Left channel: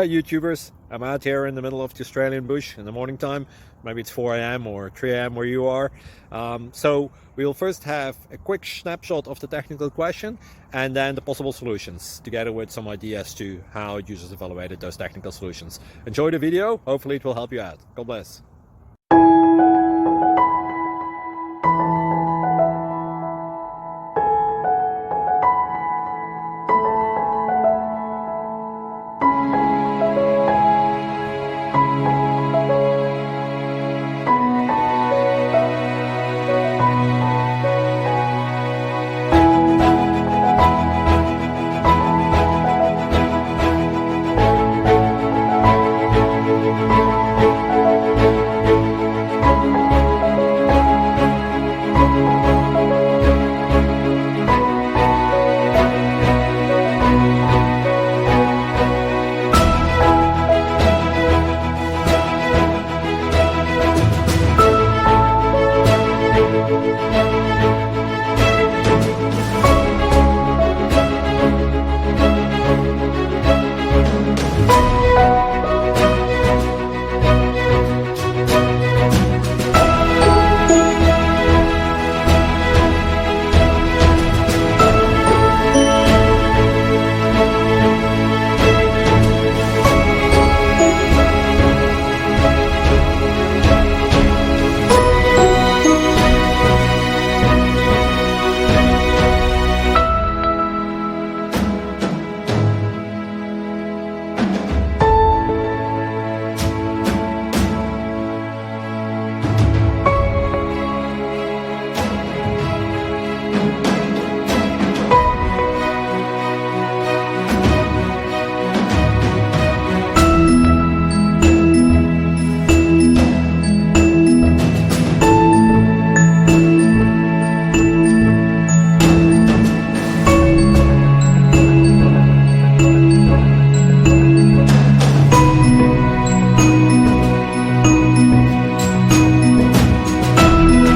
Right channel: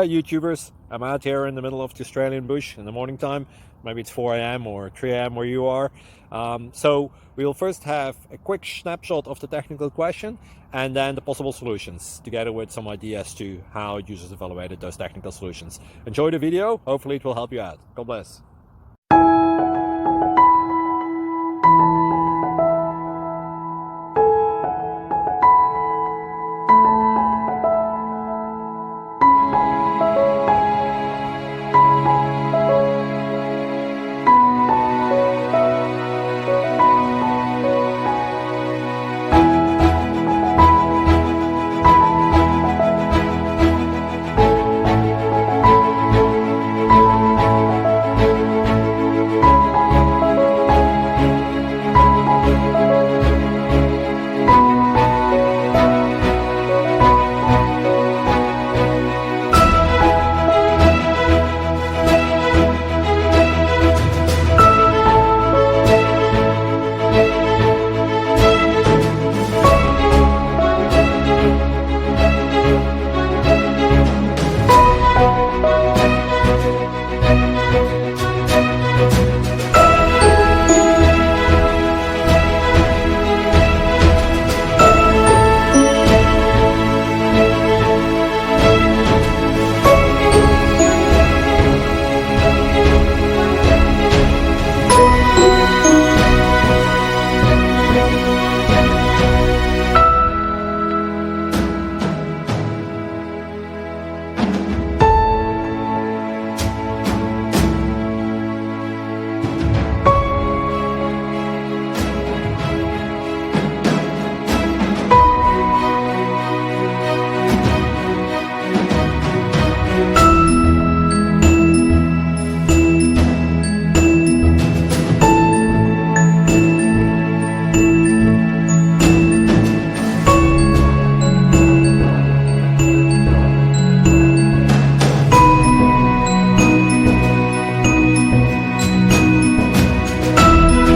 Hi YouTubers, I'm out here in the middle of the Australian bush in the morning time. Maybe it's 4 a.m. or 3 a.m. where you are. So we will first have a quick snapshot of the technical question and then the possible solutions, together with some ideas to how users evaluated those technical solutions. Enjoy the video, hopefully it will help you out. God bless.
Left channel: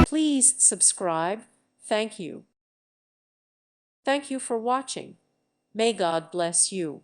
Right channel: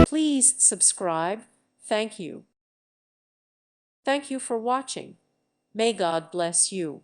Please subscribe. Thank you. Thank you for watching. May God bless you.